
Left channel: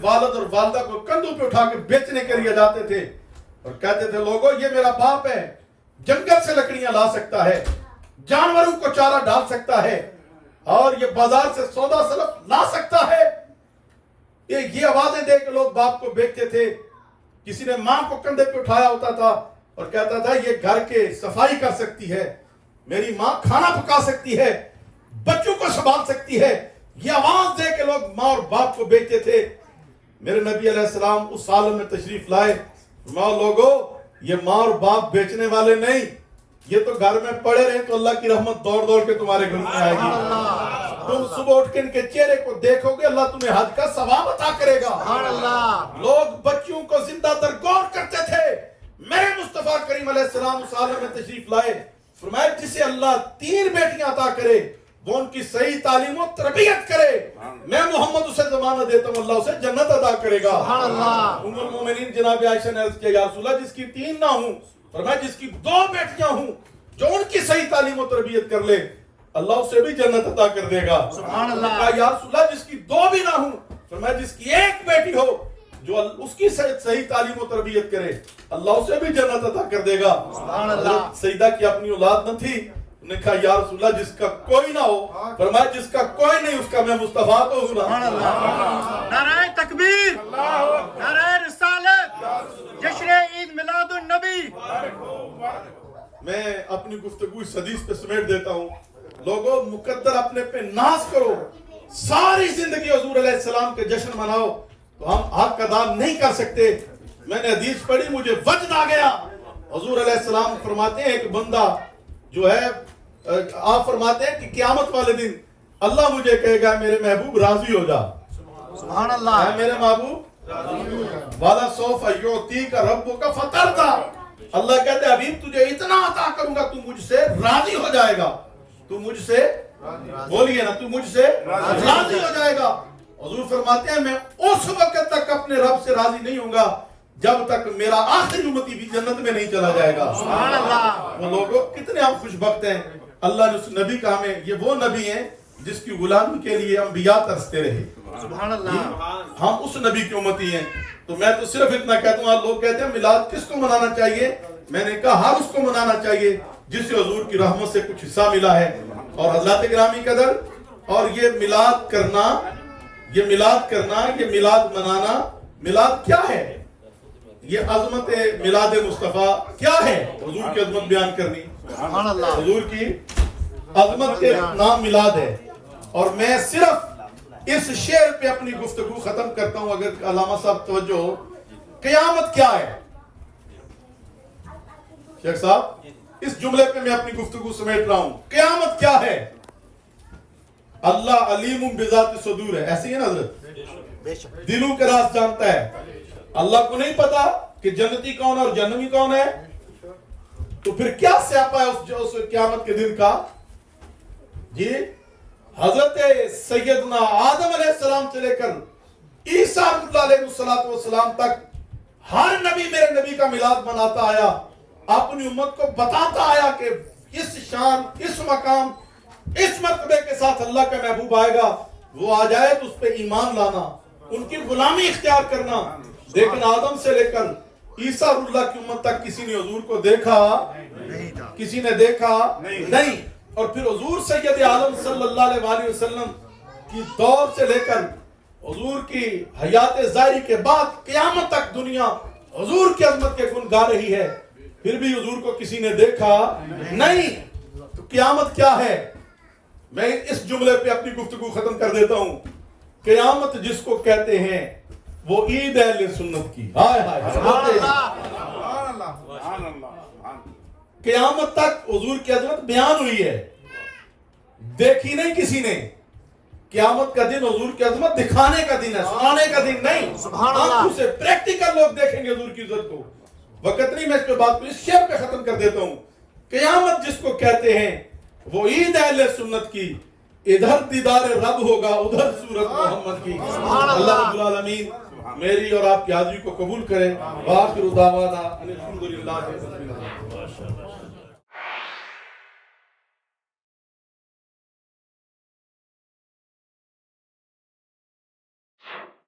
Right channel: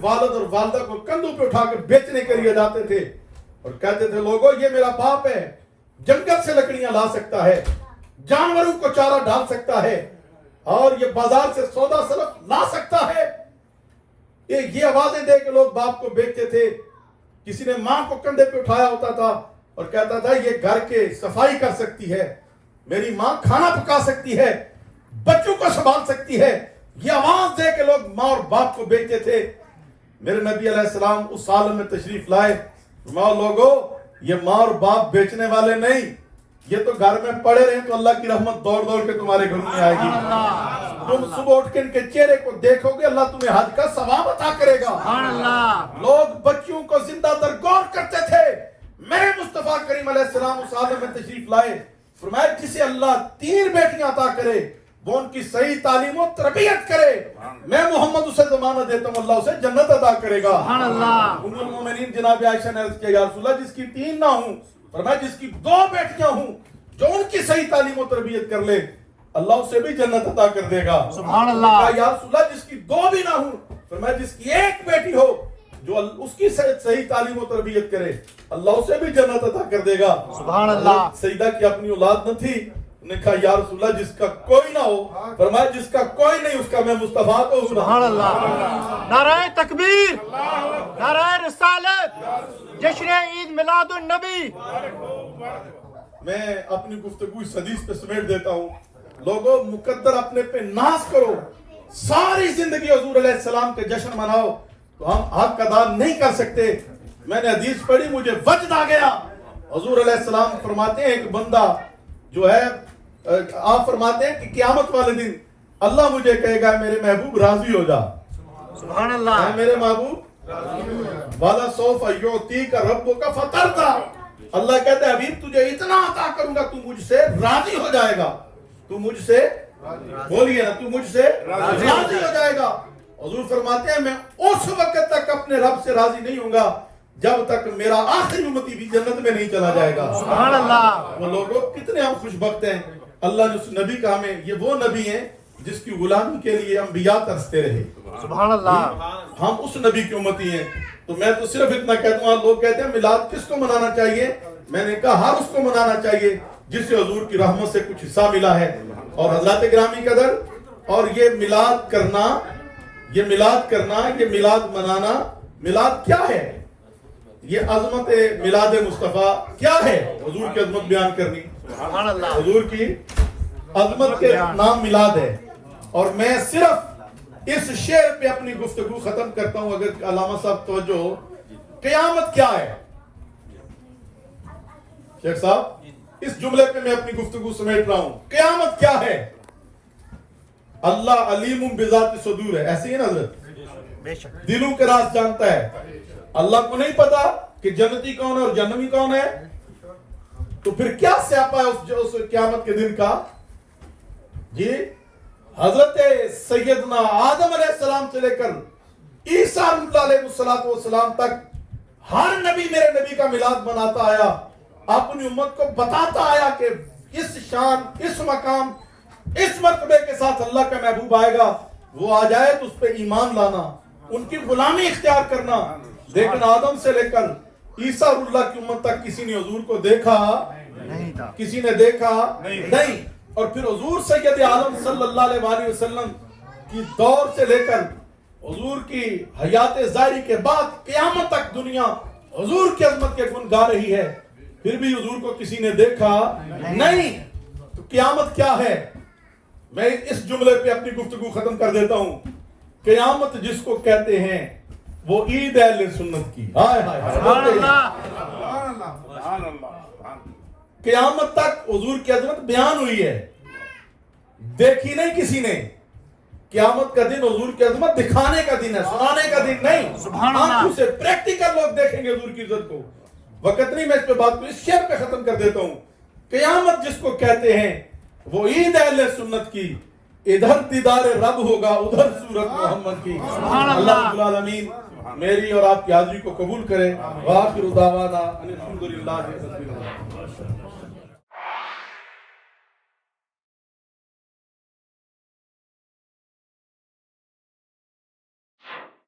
والد اور والدہ کو کندھوں پہ اٹھا کے بیچنے کے لیے جاتے تھے اور کہتے تھے لوگوں یہ میرا باپ ہے، جنگل سے لکڑیاں لا سکتا ہے، جانوروں کو چارہ ڈال سکتا ہے اور یہ بازار سے سودا سلف لا سکتا ہے۔ یہ آوازیں دے کے لوگ باپ کو بیچتے تھے۔ کسی نے ماں کو کندھے پہ اٹھایا ہوتا تھا اور کہتا تھا یہ گھر کے صفائی کر سکتی ہے، میری ماں کھانا پکا سکتی ہے، بچوں کو سنبھال سکتی ہے۔ یہ آواز دے کے لوگ ماں اور باپ کو بیچتے تھے۔ میرے نبی علیہ السلام اس عالم میں تشریف لائے، ماں لوگوں یہ ماں اور باپ بیچنے والے نہیں، یہ تو گھر میں پڑے رہے تو اللہ کی رحمت دوڑ دوڑ کے تمہارے گھر میں آئے گی۔ تم صبح اٹھ کے ان کے چہرے کو دیکھو گے، اللہ تمہیں حج کا ثواب عطا کرے گا۔ لوگ بچوں کو زندہ درگور کرتے تھے۔ میرے مصطفیٰ کریم علیہ السلام اس عالم میں تشریف لائے، فرمایا جسے اللہ 3 بیٹیاں عطا کرے وہ ان کی صحیح تعلیم و تربیت کرے، میں محمد اسے زمانہ دیتا ہوں اللہ اسے جنت عطا کرے گا۔ ام المومنین جناب عائشہ نے عرض کیا یا رسول اللہ جس کی 3 نہ ہوں، فرمایا جس کی 2 بیٹیاں ہوں جو ان کی صحیح تعلیم و تربیت کر لے اللہ اسے بھی جنت عطا کر دے گا۔ سبحان اللہ۔ یا رسول اللہ جس کی 2 بھی نہ ہوں، فرمایا جس کی 1 بیٹی ہو جو اس کی صحیح تعلیم و تربیت کرے اللہ اسے بھی جنت عطا کر دے گا۔ سبحان اللہ۔ حضرت سیدہ کی اپنی اولاد نہ تھی، انہوں نے کہا یا رسول اللہ جس کا کوئی نہ ہو، فرمایا جس کا کوئی نہیں اس کا میں مصطفیٰ تو ہوں۔ سبحان اللہ۔ نعرہ تکبیر، نعرہ رسالت، جشن عید میلاد النبی۔ میں اپنی گفتگو اس حدیث پہ سمیٹ دیتا ہوں۔ لوگوں مقدر اپنے پہ ناز کرو، ساری زندگی حضور علیہ السلام کے جشن مناؤ تو ہم حق ادا نہیں کر سکتے۔ میں نے حدیث پڑھی مجھے وجد آ گیا۔ حضور علیہ السلام فرماتے ہیں ایک بندہ جو ہے آپ فرماتے ہیں کہ قیامت والے دن اللہ مجھے کہے گا میرے محبوب راضی ہو جا، سبحان اللہ۔ اے میرے محبوب والا سوف یعطیک ربک فترضی، اللہ کہتے ہیں حبیب تجھے اتنا عطا کروں گا تو مجھ سے راضی ہو جائے گا، تو مجھ سے بولیے نا تو مجھ سے راضی ہو جائے گا۔ حضور فرماتے ہیں میں اس وقت تک اپنے رب سے راضی نہیں ہوں گا جب تک میرا آخری امتی بھی جنت میں نہیں چلا جائے گا۔ سبحان اللہ۔ وہ لوگوں کتنے ہم خوش بخت ہیں، اللہ نے اس نبی کا ہمیں، یہ وہ نبی ہیں جس کی غلامی کے لیے انبیاء ترستے رہے۔ سبحان اللہ۔ ہم اس نبی کی امتی ہیں۔ تو میں تو صرف اتنا کہتا ہوں، لوگ کہتے ہیں میلاد کس کو منانا چاہیے، میں نے کہا ہر اس کو منانا چاہیے جس سے حضور کی رحمت سے کچھ حصہ ملا ہے۔ اور حضرات گرامی قدر، اور یہ میلاد کرنا، یہ میلاد منانا، میلاد کیا ہے؟ یہ عظمت میلاد مصطفیٰ کیا ہے؟ حضور کی عظمت بیان کرنی، سبحان اللہ۔ حضور کی عظمت کے نام میلاد ہے۔ اور میں صرف اس شعر پہ اپنی گفتگو ختم کرتا ہوں، اگر علامہ صاحب توجہ ہو۔ قیامت کیا ہے شیخ صاحب؟ اس جملے پہ میں اپنی گفتگو سمیٹ رہا ہوں۔ قیامت کیا ہے؟ اللہ علیم بذات صدور ہے، ایسی ہے نا حضرت، دلوں کے راز جانتا ہے۔ اللہ کو نہیں پتا کہ جنتی کون ہے اور جہنمی کون ہے، تو پھر کیا سیاپا ہے اس قیامت کے دن کا؟ جی حضرت سیدنا آدم علیہ السلام سے لے کر عیسیٰ علیہ السلام تک ہر نبی میرے نبی کا میلاد مناتا آیا، اپنی امت کو بتاتا آیا کہ اس شان، اس مقام، اس مرتبے کے ساتھ اللہ کا محبوب آئے گا، وہ آ جائے تو اس پہ ایمان لانا، ان کی غلامی اختیار کرنا۔ لیکن آدم سے لے کر عیسیٰ اللہ کی امت تک کسی نے حضور کو دیکھا نہیں تھا، کسی نے دیکھا نہیں۔ اور پھر حضور سید عالم صلی اللہ علیہ وسلم کی دور سے لے کر حضور کی حیات ظاہری کے بعد قیامت تک دنیا حضور کی عظمت کے گن گا رہی ہے، پھر بھی حضور کو کسی نے دیکھا نہیں۔ تو قیامت کیا ہے؟ میں اس جملے پہ اپنی گفتگو ختم کر دیتا ہوں۔ قیامت جس کو کہتے ہیں وہ عید اہل سنت کی، سبحان اللہ۔ قیامت تک حضور کی عظمت بیان ہوئی ہے، دیکھی نہیں کسی نے۔ قیامت کا دن حضور کی عظمت دکھانے کا دن ہے، سنانے کا دن نہیں۔ سبحان اللہ۔ آنکھوں سے پریکٹیکل لوگ دیکھیں گے حضور کی عزت کو۔ وقت نہیں، میں اس پہ بات کو اس شعر پہ ختم کر دیتا ہوں۔ قیامت جس کو کہتے ہیں وہ عید اہل سنت کی، ادھر دیدار رب ہوگا ادھر صورت محمد کی۔ اللہ رب العالمین میری اور آپ کی حاضری کو قبول کرے۔ وآخر دعوانا ان الحمدللہ رب العالمین۔